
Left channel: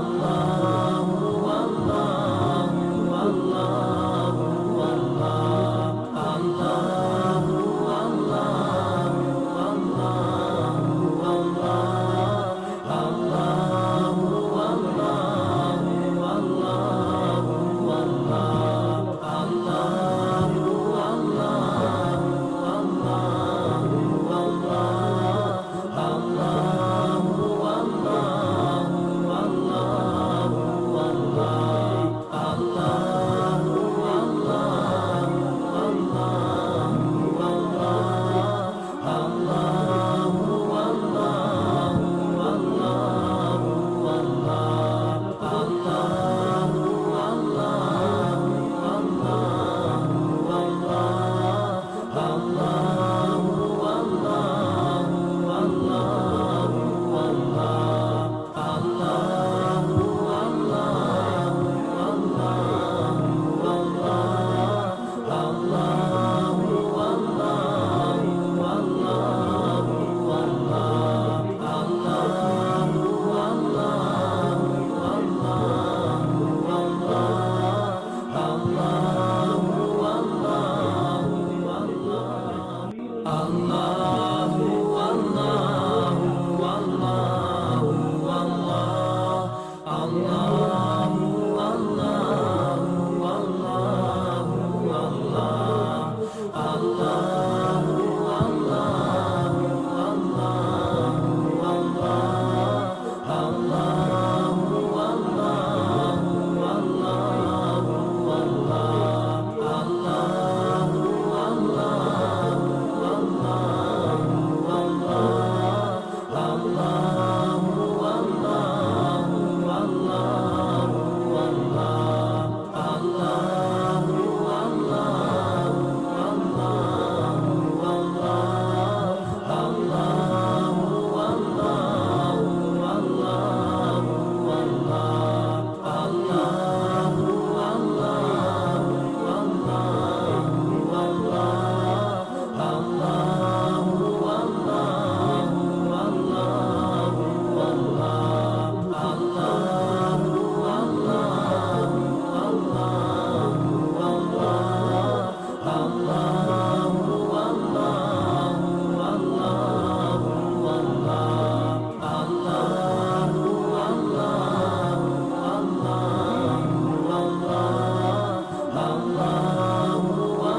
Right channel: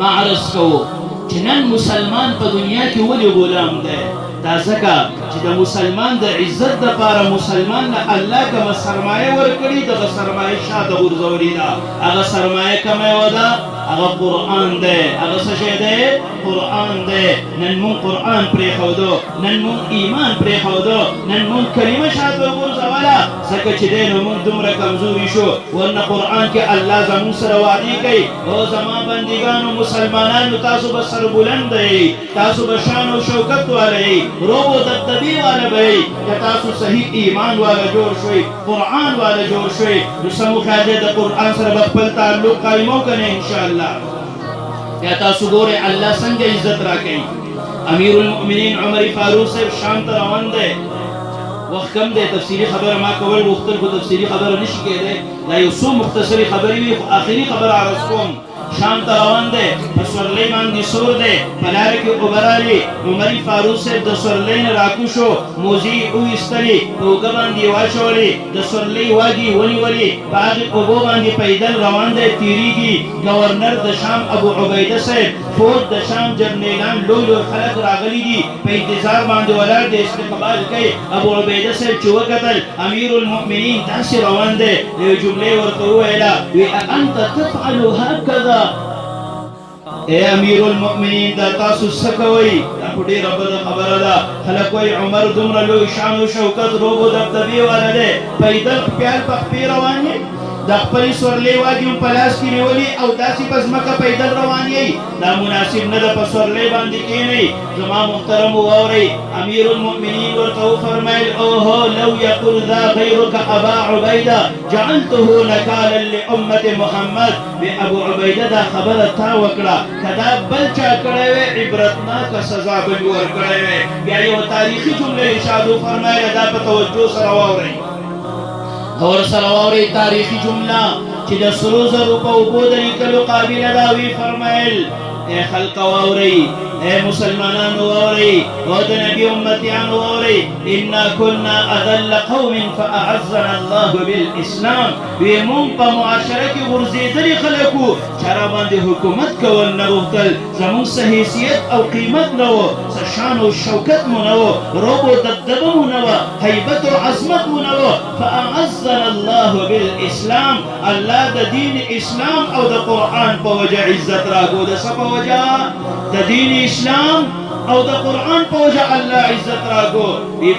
ما عرض کوو چې نن مسلمان په دنیا کې ولې غلام دی دا ځکه چې د مسلمان د عزت دپاره مسلمان له الله کومه سرمایه ورکړي دغه سرمایه شاته غورځولې ده هغه سرمایه کومه یوه ده هغه قرآن دی هغه څه شی دی قرآن دی نن مونږ قرآن پرېښودو نن مونږ ایمان پرېښودو نن مونږ کلمه شاته وغورځوله ځکه چې دی نو مونږ دومره کمزوري شو ورنه قرآن کې الله زموږ سره وعدې کوي او زما بندګانو مسلمانانو تاسو به سربلند دی تاسو به شان او شوکت والی روب و دبدبی والا بھئی کہ تاسو صحیح ایمان والا جوڑ شوئی قرآن والا جوڑ شوئی نسمو خیدے دا قرآن سر بقبل تعلق قائمو کرنے انشاءاللہ یا تاسو گورے اللہ سنگ عزت راکیں امیر المؤمنین عمر فاروق سے شام تراون دے وقت کم دے تفسیری خبر ما کول مختر کو تفسیری خبر نشکے دے لا یوسو مختصری خبری بھی آخری خبر آرسکون شام تراون دے سرلی باندې سور دی په لاره کې اوبه رالې عمر فاروق صاحب د سورلۍ نه راکوشو موزې یې وویستلې په اوږه باندې یې واچولې د سورلۍ واګې یې ونیولې په هغې اوبو باندې پیدل روان دی تېرېږي گورنر د شام ابو عبیده صاحب فوج د شام جرنیلان لوی لوی خلک راغلي دي په انتظار باندې ولاړ دی استقبال کوي ابو عبیده صاحب چې وکتل امیر المؤمنین داسې روان دی یوې جملې ورته وویله وی انت تفعل هکذا اے امیر المؤمنین دا تاسو سکوئی دا پوٹی رب دا خبر دا خلقوی عمر دمرا لوی شان و شوکت روبو دبدبی والا دے پیدل پیار پخپی روانی دا خپلی سورلی واگیم پلاس کی نیولی او داسی پس مکا پیدل روانی دا مناسب ندا پس سورلی باندی کی نئی زمان محترم واوری امیر المؤمنین ورطو فرمائل اوہو لو یقل ذا غیرک ابا عبیدہ جعلته نکالا لأمت محمد بے ابو عبیدہ دا خبر تا وکڑا کدا بلچا کڑے عبرتناک سزا بجور کڑے بیا یو تاریخی جملے ارشادو فرمائے دا بتوجہ سرواوری اور سرواوری تاریخی جملہ چی دا سروز روپا اوپودنی کلو قابل داوی فرمائل اے خلق واوری اے مسلمانان واوری ود نبی امتیان واوری انا كنا اذل قوم فاعزنا الله بالاسلام ویمون پا معاشرکی ورزیدلی خلقو چرابان دی حکومت کول نروختل زمون سحیثیت او قیمت نو سشان و شوکت منو روبو دبدبه نوى هيبة عظمت نوى فأعزنا الله بالإسلام الله د دين إسلام أو د قرآن بوجه عزت راكو د سبا وجه د دين إسلام أو د قرآن بوجه الله عزت راكو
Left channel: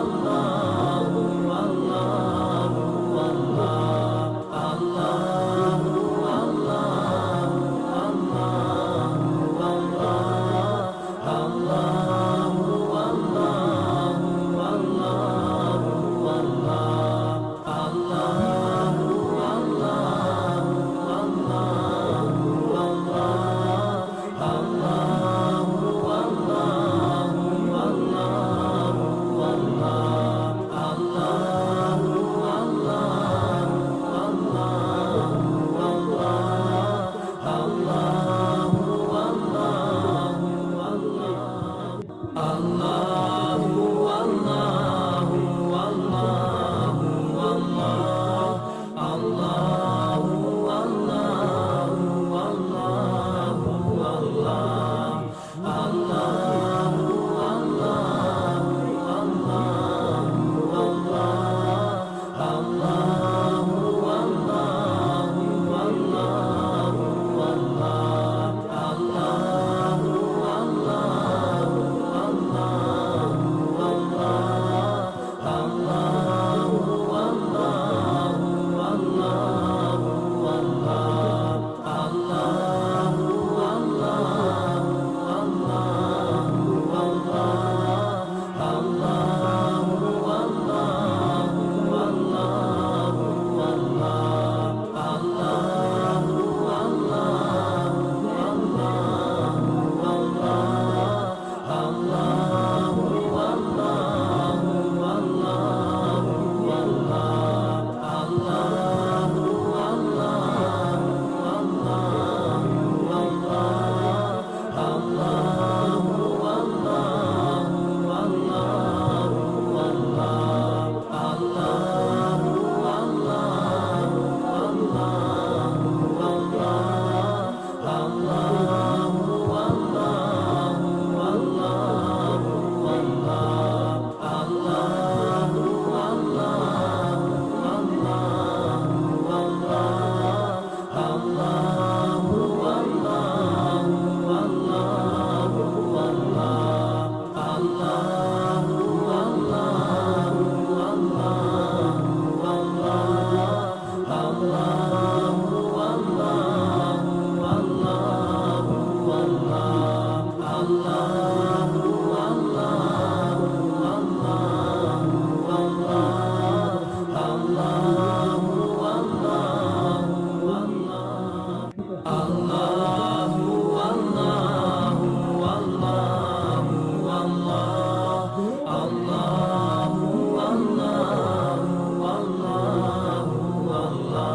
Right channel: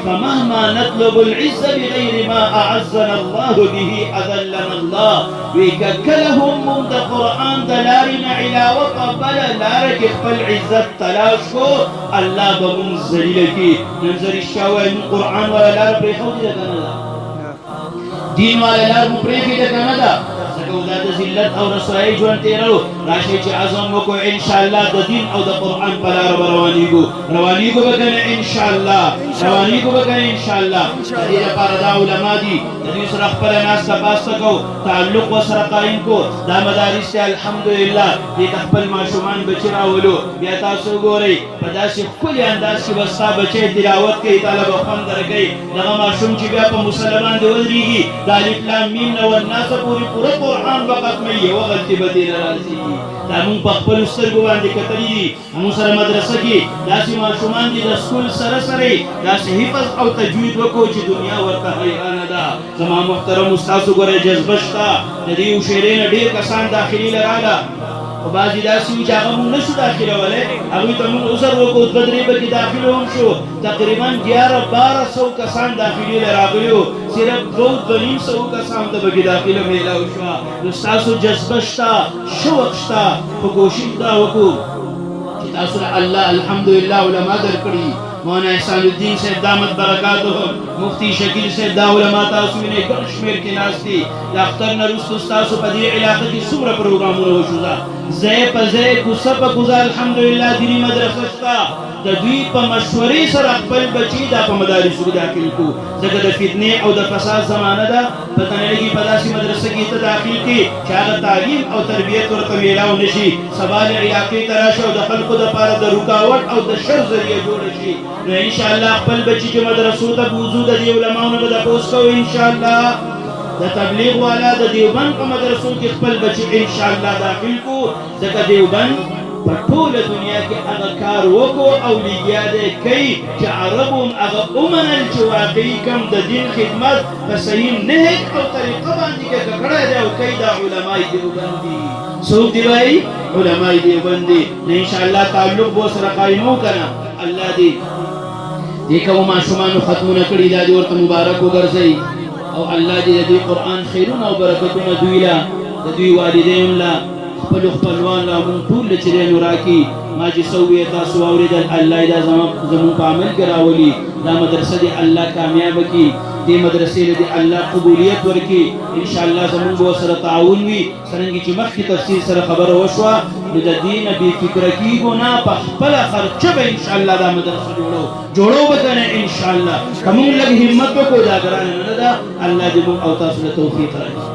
فمهما نطلب العزة بغير ما أعزنا الله به أذلنا الله وككلهم من د قرآن دلارنا علاوة قبل لارك فالعزت تلاشكو الله بمنزلك منزل الشاوى من قرآن ولا لار بريحوك دين ولا لار بريحي لكندا سكوزات زلت أو رسائي جوان تيرلو راشي عظم وكو إن شاء الله دا دين أو دا قرآن پلار روانيكو بكنا إن شاء الله روانيكو بكنا إن شاء الله تدير پاردا علماء دي تدير سرخ پل ناس تباستكو تعلق وسرقائنكو دا مدارس الحمدلله دي تقبل معشومان بچرا ولو بيتا سو گوري پداسي كل انداز کی وستا بچي تلاوت کی طلب خوان درگئی دا معشوم چې بیا په مسلمان دی ودريږي دا الاسلام مين او الناس پوری قرآن وقت میں یہ وقت کی بدیل راضی دا مون په خپل سترګو باندې کتلی مون سره مدرسه کې داسې معشومان دي د سکول سره سره داسې حفظ او تجوید وکړو چې دنیا ورته حیرانه ده زما محترم استاد وګورئ جذبه شته د دې شعرونه ډېر کسان داخلي لراله بعضی داسې وي چې هغه مونږ نشو داخلولی هغوی ته مونږ عذر وکړو دوه درې پکې داخل هم شو تقریبا 1100 کسان داخلي له راغلي وو صرف 200 کسان ته پکې داخله میلاو شوه نو ستاسو جذبه شته شوق شته په کوشش دا وکړو چې تاسو الله الحمدلله علما درکړي مولانا احسان الدین صاحب دامت برکاتهم مفتی شکیل صاحب دا علما تاسو وینئ کوم شمېر کې ناست دي د اختر نه وروسته ستاسو په دې علاقه کې څومره پروګرامونه وشوه ځای په ځای کوڅه په کوڅه الحمدلله دیني مدرسه شته د دوی په مشورې سره خپل بچي دا په مدارسو کې داخل کړو ځکه د فتنې او د فساد زمانه ده پته نه لګي په داسې مدرسه کې ته داخل کړي چې هغه تعلیم او تربیت ورته میلاو نه شي سبا د علاقې ته راشي او د خلکو دپاره د رکاوټ او د شر ذریعه جوړه شي نو انشاءالله خپل بچي چې مدرسو ته بوځو د دې علماو نه به تپوس کوو انشاءالله د تبلیغ والا د دیوبند په مدرسو کې خپل بچي انشاءالله داخل کړو ځکه دیوبند په ټوله دنیا کې هغه کار وکړو او لګیا دی کوي چې عربو هغه ومنل چې واقعي کوم د دین خدمت په صحیح نهج او طریقه باندې هغه کړی دی او کوي دا علمای دیوبند دي څوک دی وایي علمای دیوبند دي انشاءالله تعلق به سره قایمو کنه الله دې دې کوم ماشومانو ختمونه کړي دا دې ورته مبارک وګرځوي او الله دې د قرآن خیرونه او برکتونه دوی له د دوی والدینو له خپلو خپلوان له موږ ټول له چې دی نو راکړي ما چې څه وویل تاسو واورېدل الله یې دا زموږ په عمل کې راولي دا مدرسه دې الله کامیابه کړي دې مدرسې له دې الله قبولیت ورکړي انشاءالله زموږ به ورسره تعاون وي څرنګه چې مخکې تفصیل سره خبره وشوه نو د دې نه بېفکره کېږو نه په خپله خرچه به انشاءالله دا مدرسه جوړو به کنه انشاءالله که موږ لږ همت وکړو دا ګرانه نه ده الله دې موږ او تاسو له توفیق راکړي